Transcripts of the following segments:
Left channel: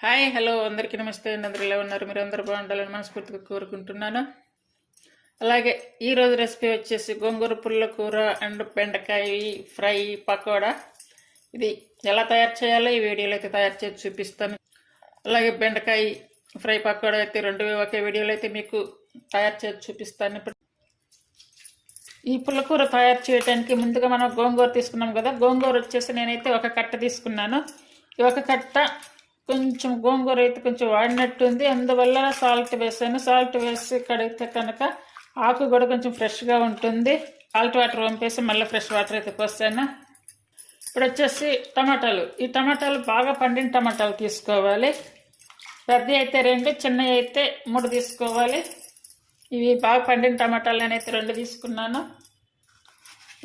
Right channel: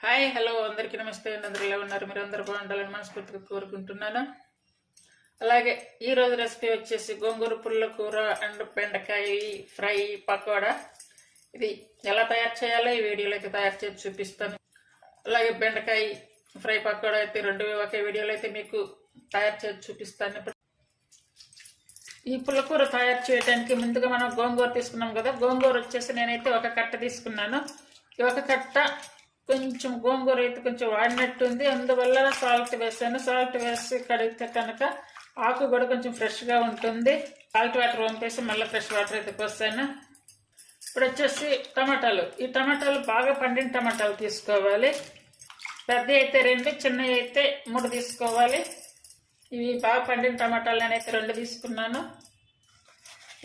Hi hello అందరికీ నమస్తే అండి. అందరూ ఎలా ఉన్నారు? మీరు అందరూ బాగుండాలని మనస్ఫూర్తిగా కోరుకుంటున్నాను. అలాగే ఈరోజు రెసిపీ వచ్చేసి గోంగూర పుల్ల కూర అండ్ బెండకాయ ఫ్రై పకోడా. ఇది ఎలా తయారు చేయాలో ఈ వీడియోలో అయితే తయారు చేసి చూపిస్తాను. అలాగే బెండకాయ ఫ్రై పకోడా అయితే రెండు ఒకే వీడియోలో అయితే మీకు తయారు చేసి చూపిస్తాను. ఇప్పుడు ఈ పుల్లకూర తయారు చేయడానికి ముందుగా మనం గోంగూర తీసుకున్నాం కదా. గోంగూర వచ్చేసి నేనైతే ఒక కట్ట తీసుకున్నాను. ఈ ఒక కట్ట కొంచెం గోంగూర అయితే కొంచెం వాడినట్టు ఉంది, అందువల్ల సాల్ట్ వేసాను. సాల్ట్ వేసి కడిగితే కనుక ఆకు కూడా కొంచెం ఫ్రెష్గా ఉంటుంది. సాల్ట్ వాటర్ పంపేసి మళ్ళీ ఫ్రెష్ వాటర్ అయితే పోస్తాను. ఇప్పుడు వచ్చేసి టమాటాలు. ఈ టమాటాలు బాగా పండిన టమాటాలు తీసుకోవాలి. పెద్ద అయితే 2, చిన్నవి అయితే 3 తీసుకోవాలి. ఇవి బాగా పండిన టమాటాలు నేనైతే 2 తీసుకున్నాను.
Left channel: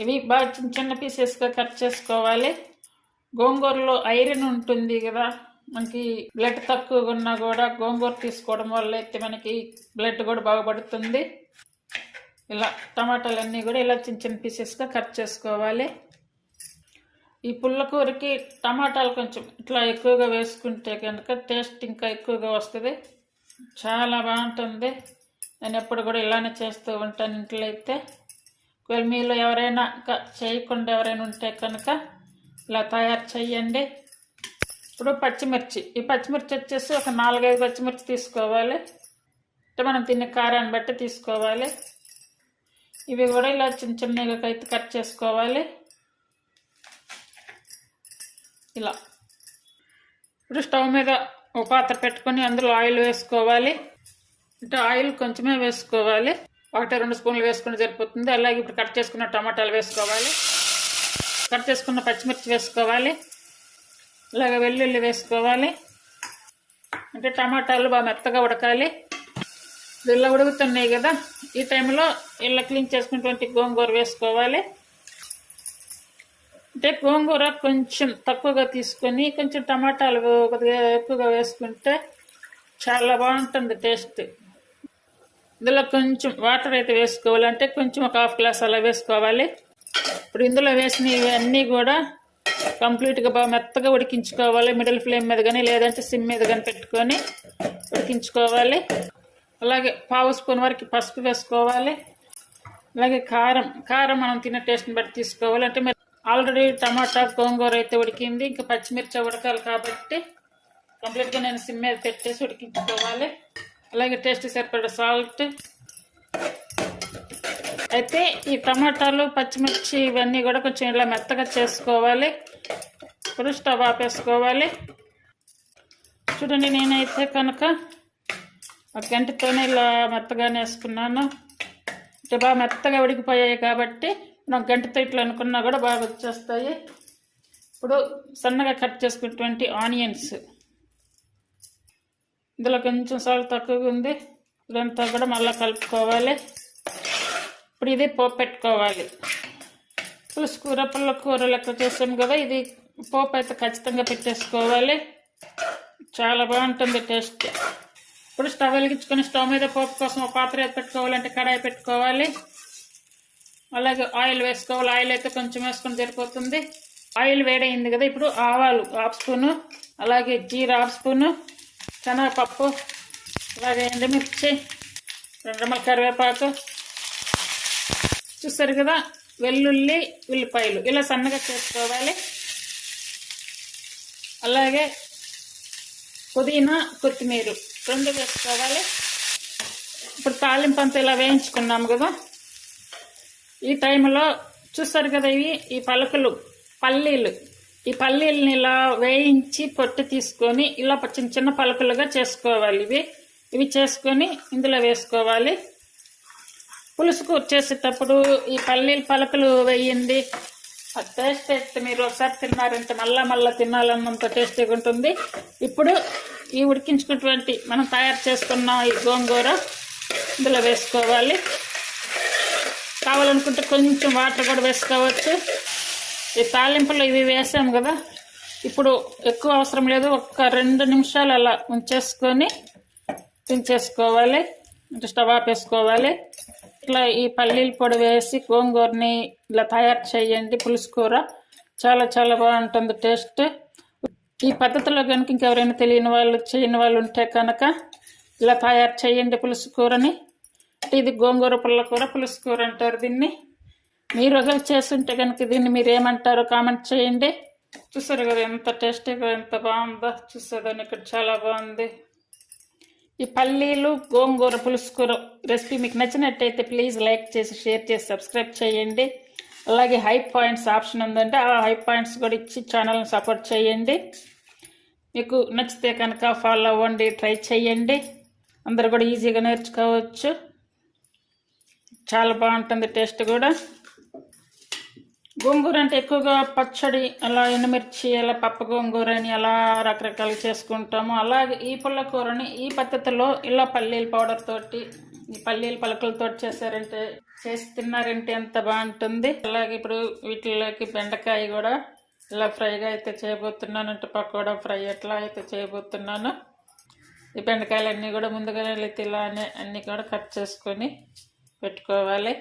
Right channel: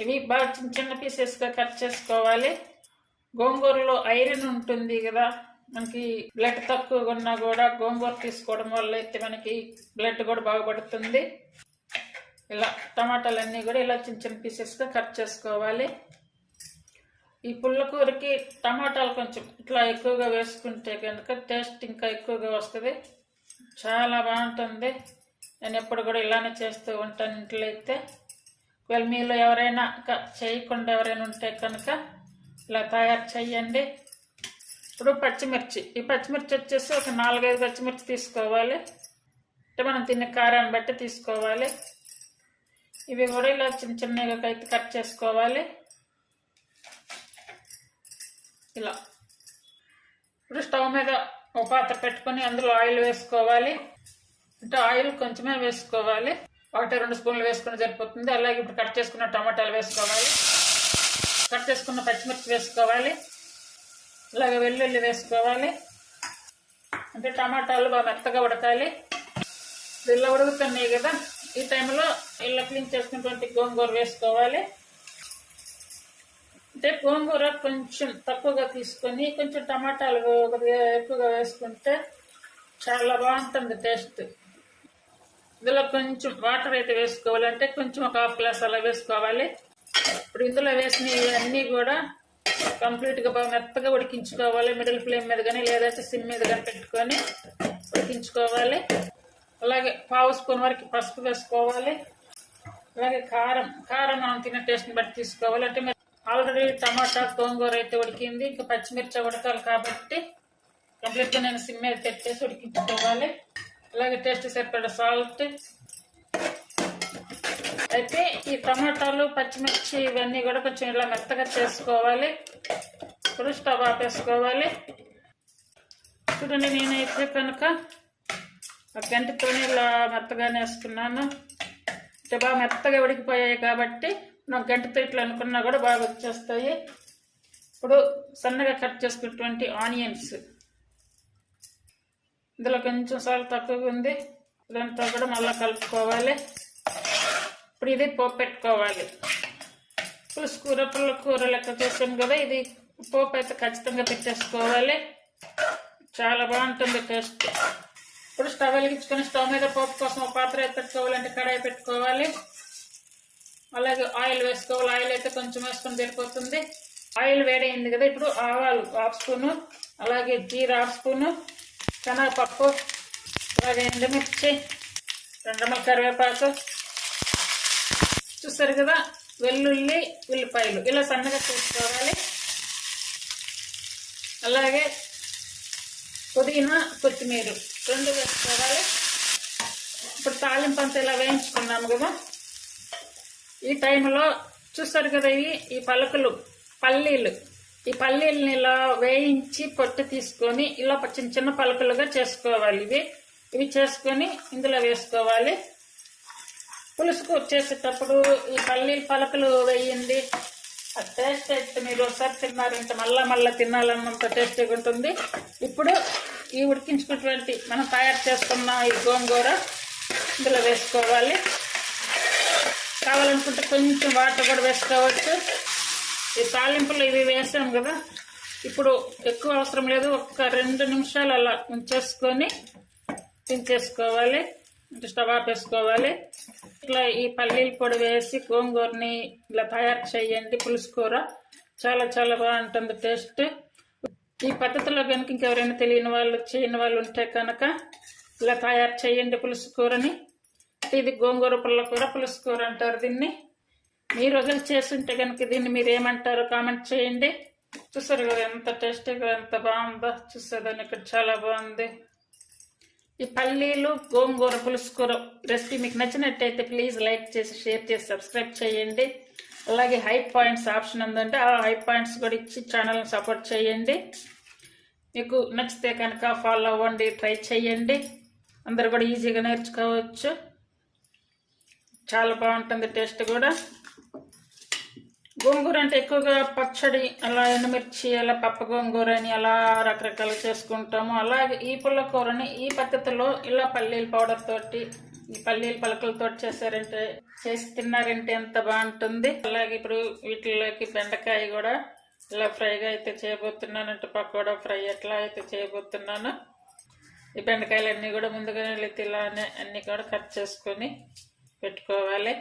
ఇవి బాగా చిన్న చిన్న పీసెస్గా కట్ చేసుకోవాలి. గోంగూరలో ఐరన్ ఉంటుంది కదా, మనకి బ్లడ్ తక్కువగా ఉన్నా కూడా గోంగూర తీసుకోవడం వల్ల అయితే మనకి బ్లడ్ కూడా బాగా పడుతుంది. ఇలా టమాటాలన్నీ కూడా ఇలా చిన్న చిన్న పీసెస్గా కట్ చేసుకోవాలి. ఈ పుల్లకూరకి టమాటాలు కొంచెం ఇట్లా ఎక్కువగా వేసుకుంటే కనుక టేస్ట్ ఇంకా ఎక్కువగా వస్తుంది, చాలా బాగుంటుంది. నేను ఎప్పుడు కూడా ఇలానే చేస్తూ ఉంటాను ఇంట్లో అయితే. ఒకవేళ మీలో ఎవరైనా చేయకుండా ఎవరైనా ఉంటే కనుక ఇలా తయారు చేయండి. ఇప్పుడు పచ్చిమిర్చి. ఈ పచ్చిమిర్చి వచ్చేసి ఒక 4-5 పచ్చిమిర్చి తీసుకోవాలి. అంటే మనం తినే కారాన్ని బట్టి తీసుకోవాలి. ఇవి కూడా ఇలా చిన్న చిన్నగా అయితే కట్ చేసుకోవాలి. ఇలా ఇప్పుడు స్టవ్ మీద ఒక పాత్ర పెట్టుకొని అందులో ఆయిల్ వేసుకోవాలి. అంటే ఆయిల్ కొంచెమే వేసుకోవాలి, 1-2 స్పూన్లు వేసుకుని సరిపోతుంది. అలాగే ఇప్పుడు కట్ చేసుకున్న టమాటాలు వేసుకోవాలి, కట్ చేసుకున్న పచ్చిమిర్చి వేసుకోవాలి, అలాగే వెల్లుల్లి వేసుకోవాలి. అంటే టమాటాలు బాగా మెత్తగా ఉడకాలి. ఇలా ఉడుకుతున్నాయి కదా, ఈ టైంలో ఇలా క్లీన్ చేసుకున్నటువంటి గోంగూర వేసుకోవాలి. అంటే గోంగూర కొంచెం తక్కువగా తీసుకొని కొంచెం టమాటాలు కొద్దిగా ఎక్కువగా వేసుకుంటే చాలా బాగుంటుంది టేస్ట్. ఇందులో కొంచెం వాటర్ అయితే వేసుకోవాలి, అంటే కొంచెం ఒక 1/2 గ్లాస్ అలా వేసుకోవాలి. ఇప్పుడు ఇందులో వేసిన ఇవన్నీ కూడా కంప్లీట్గా బాగా మెత్తగా ఉడికించుకోవాలి. మిడిల్ ఫ్లేమ్ మీద కానీ లేదంటే సిమ్ మీద కానీ పెట్టుకొని ఉడికించుకోవాలి. అలాగే 1/2 స్పూన్ వరకు పసుపు వేసుకోవాలి. అలాగే కారం మనం తినే టేస్ట్ని బట్టి తీసుకోవాలి. అంటే మీరు ఆల్రెడీ టమాటా గోంగూర అయితే ఉడికింది, ఇంకా పచ్చిమిర్చి ఉడకాలి కాబట్టి కంప్లీట్గా నేను సిమ్ మీద పెట్టేసి ఉడికించుకోవాలి. అలాగే టేస్ట్ సరిపడే సాల్ట్. అయితే ఈ టమాటాలు పచ్చిమిర్చి ఇవన్నీ కూడా కొంచెం ఇలా మెత్తగా చేసుకోవాలి. ఇప్పుడు స్టవ్ ఆపేసుకోవాలి. చూడండి, నేనైతే కనుక ఒక గంటతోనే ఇలా మెత్తగానే వేసుకున్నాను. అంటే బాగా మెత్తగా ఉడికిపోయాయి కాబట్టి మనం గంటతో ఇట్లా అనుకున్నా కూడా బాగా వచ్చేస్తాయి. ఇప్పుడు సన్నగా కట్ చేసుకున్నటువంటి ఆనియన్స్. ఇందులో కొంచెం సాల్ట్ తక్కువగా ఉంది, ఇదంతా కూడా మళ్ళీ కలుపుకోవాలి. ఇప్పుడు ఇది పోపు పెట్టుకోవాలి. పుల్ల కూర లెక్క చేసాం కదా, ఇది పోపు అయితే ఖచ్చితంగా పెట్టేసుకోవాలి, చాలా బాగుంటుంది టేస్ట్. ఇప్పుడు స్టవ్ వెలిగించుకొని స్టవ్ మీద పోపు కోసం ఒక పాత్ర అయితే పెట్టుకోవాలంటే కడాయి పెట్టుకోవాలి. అలాగే ఆయిల్ వేసుకోవాలి. ఆయిల్ అయితే కొంచెం వేసుకొని సరిపోతుంది. ఆయిల్ వేడైంది కదా, ఇప్పుడు ఆవాలు 1/2 స్పూను, అలాగే జీరా 1/2 స్పూను, శనగపప్పు, అలాగే ఎండుమిర్చి, 2 కరివేపాకు, చూస్తారు కదా వెల్లుల్లి, ఉల్లిపాయలు ఇలా సన్నగా చేసుకోవాలి. అలాగే పుదీనా, కొత్తిమీర 2 వేసుకోవాలి. ఇప్పుడు తాలింపు అంతా ఇలా వేయించుకున్నాము కదా, ఈ టైంలో చూస్తారు కదా ఈ పల్లీలు, ఈ పల్లీలని ఇలా వేయించి పొట్టు తీసుకొని ఇలా చిన్న చిన్న పలుకులుగా చేసుకోవాలి. ఇవి చేసుకొని ఇందులో వేసుకోవాలి. పులుసు కూర చేసేటప్పుడు ఈ పలుకులు వేయింది, ఆ టేస్ట్ అయితే మీరు ఒకసారి తిన్నారంటే మళ్ళా తినాలన్నంత టేస్టీగా ఉంటుంది. ఇప్పుడు ఈ ఉడికించుకున్నటువంటి మనం తయారు చేసుకున్న ఈ గోంగూర ఇందులో వేసుకోవాలి. కావాలనుకుంటే కొంచెం వాటర్ కూడా వేసుకోవచ్చు. ఈ తాలింపులు ఇవి వేసాము కదా, ఇప్పుడు ఎక్కువ అవసరం లేదు, ఒక 2 నిమిషాలు అలా ఉంచేసుకొని దించేసుకోవాలి. స్టవ్ ఆపేసుకోవాలి. ఇట్లా ఈ పల్లీల పొడి వేసి గోంగూరని ఇలా తయారు చేయండి. పులుసు కూర చాలా చాలా బాగుంటుంది టేస్ట్. ఈ పద్ధతిలో కనుక ఇంకెవరైనా తెలియని వాళ్ళు చేయని వాళ్ళు ఉంటే కనుక ఇలా తయారు చేయండి పులుసు కూరని. ఇది గోంగూర పుల్లకూర పులుసు కూర అంటారు దీన్ని. మీరు ఒకరు చేస్తుంటే కనుక దీన్ని మీరు ఏమంటారో కామెంట్ చేయండి. చూసారు కదా ఎంత టేస్టీగా ఎంత బాగుందో. చూసేదాన్ని ఇక్కడ చాలా బాగుంది. ఈ పల్లీలు గోంగూర పులుసు కూర రెసిపీ మీకు నచ్చినట్టయితే ప్లీజ్ లైక్ చేసి షేర్ చేసి సబ్స్క్రైబ్ చేయండి. అలాగే హై పాయింట్స్ ఆప్షన్ ఉందంటే ఆ హై పాయింట్స్ కూడా ఇచ్చి ఛానల్ని సపోర్ట్ చేయండి. మీకు నచ్చితే కనుక ఫాలో అవ్వండి, ట్రై చేయండి. అందరు కూడా ఈజీగా నేర్చుకోవచ్చు. చాలా బాగుంటుంది టేస్ట్ కూడా. గోంగూర అంటే ఎక్కువగా పచ్చడి, అలా ఎండుమిర్చి, అలా పప్పు గోంగూర అని అలా రకరకాలు చేసుకుంటాము. అలాగే ఈ పుల్లకూరని ఈ పద్ధతిలో ఇలా పల్లీల పౌడర్ తోటి, ఈ పల్లీల పలకలతో చేస్తున్నారంటే ఎంత బాగుంటుంది. అలాగే ఇప్పుడు వీటిలోకి బెండకాయ కూడా ఇలా ఫ్రైగా అయితే చేయబోతున్నాను. అంటే పకోడా ఫ్రై ఎట్లా అయితే చేయబోతున్నాను. ఈ బెండకాయలన్నీ కూడా ముందుగానే ఇలానే అన్నీ కూడా కట్ చేసుకొని పెట్టుకోవాలి.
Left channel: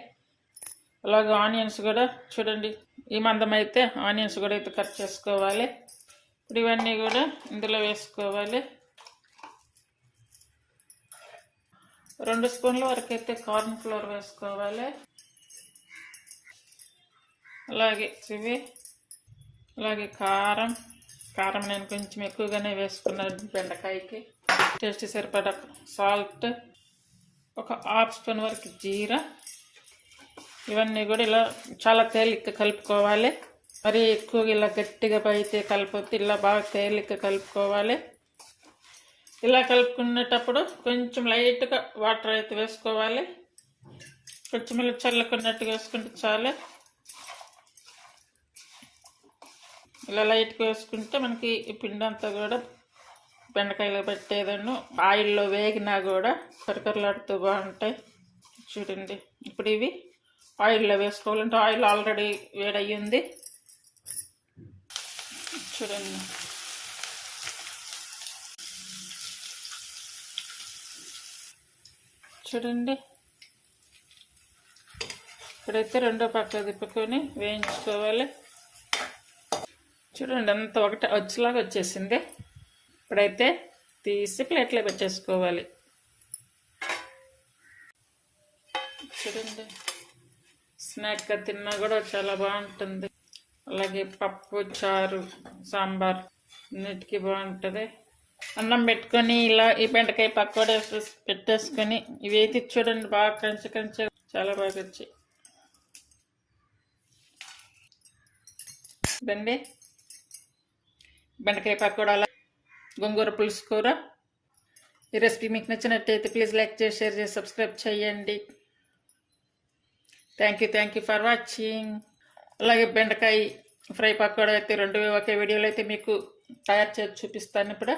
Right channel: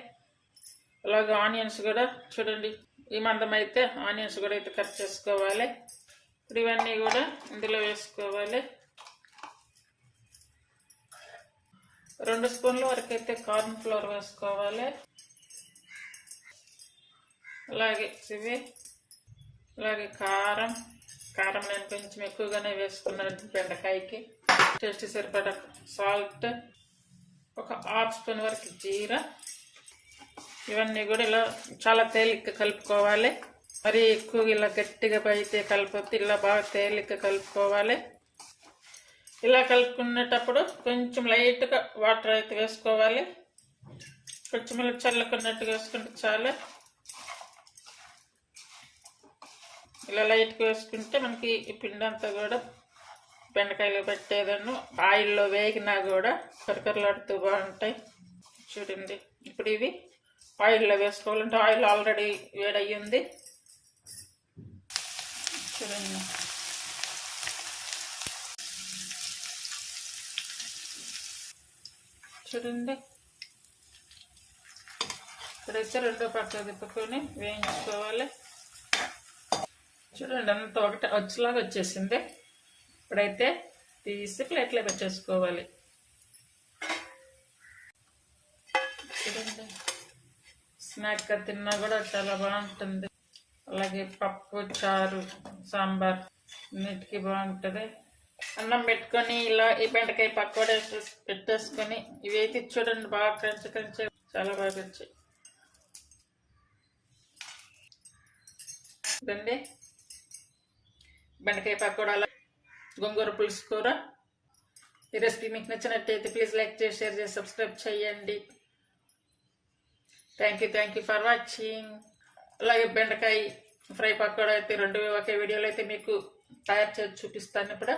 అలాగే ఆనియన్స్ కూడా చూడండి, ఈ మందం అయితే ఆనియన్స్ కూడా అయితే కట్ చేసుకోవాలి. ఇప్పుడు ఇవన్నీ కూడా ఇందులో వేసుకోవాలి. 2 స్పూన్ల వరకు అయితే కార్న్ ఫ్లోర్ వేసుకోవాలి. అలాగే ఇవి, అలాగే కారం నేను కొంచెం ఎక్కువగానే వేసుకున్నాను బెండకాయకి. టేస్ట్ సరిపడా సాల్ట్, ఒక 1/2 స్పూన్ వరకు జీరా. ఇవన్నీ కూడా ఇలా చాలా తేలిక కలుపుకోవాలి. మరి ఎక్కువగా ఇలా గట్టిగా అయితే కలపొద్దు, ఇలా బాగా తేలిక కలుపుకోవాలి. ఇలా కలుపుకునేటప్పుడు కొంచెం లైట్గా వాటర్ అయితే వేసుకోవాలి. కొంచెం ఇలా చల్లుకున్నట్టుగా వేసుకుంటే చాలు. ఇలా లైట్గా వేసుకుంటే మనకి ఈ పిండి అంతా కూడా బెండకాయలో పెట్టేదాన్ని ఆయిల్లో వేగినా కూడా కరకరలాడుతూ బాగుంటాయి. చూడండి, ఇప్పుడు ఇవి ఆయిల్లో వేసుకోవాలంటే ఆయిల్ ఆల్రెడీ వేడయ్యింది. చూడండి, ఇప్పుడైతే రెండో పక్క తిప్పుకొని వేయించుకోవాలి. చూడండి, అంత ఒకటి వచ్చేలాగా వచ్చేసింది. ఇప్పుడైతే తీసి ప్లేట్లో పెట్టేసుకోవాలి. చూడండి, స్నాక్గా తిన్నా కూడా చాలా బాగుంటుంది. అలాగే పప్పు, చారు, సాంబార్ అన్నిటికీ బాగుంటుంది. అన్నం పెట్టుకొని ఇలా ఈ బెండకాయ పకోడా పెట్టేసుకొని ఇవి అయితే చూడండి బాగా క్రంచి చాలా బాగా వచ్చాయి. ఇదండి బెండకాయ పకోడా, గోంగూర పులుసు కూర. ఈ రెసిపీ మీకు నచ్చినట్టయితే ప్లీజ్ లైక్ చేసి షేర్ చేసి సబ్స్క్రైబ్ చేయండి. Thank you for watching. అలాగే బెండకాయ ఫ్రై పకోడా అయితే 2 ఒకే వీడియోలో అయితే మీకు తయారు చేసి చూపిస్తాను ఇప్పుడు.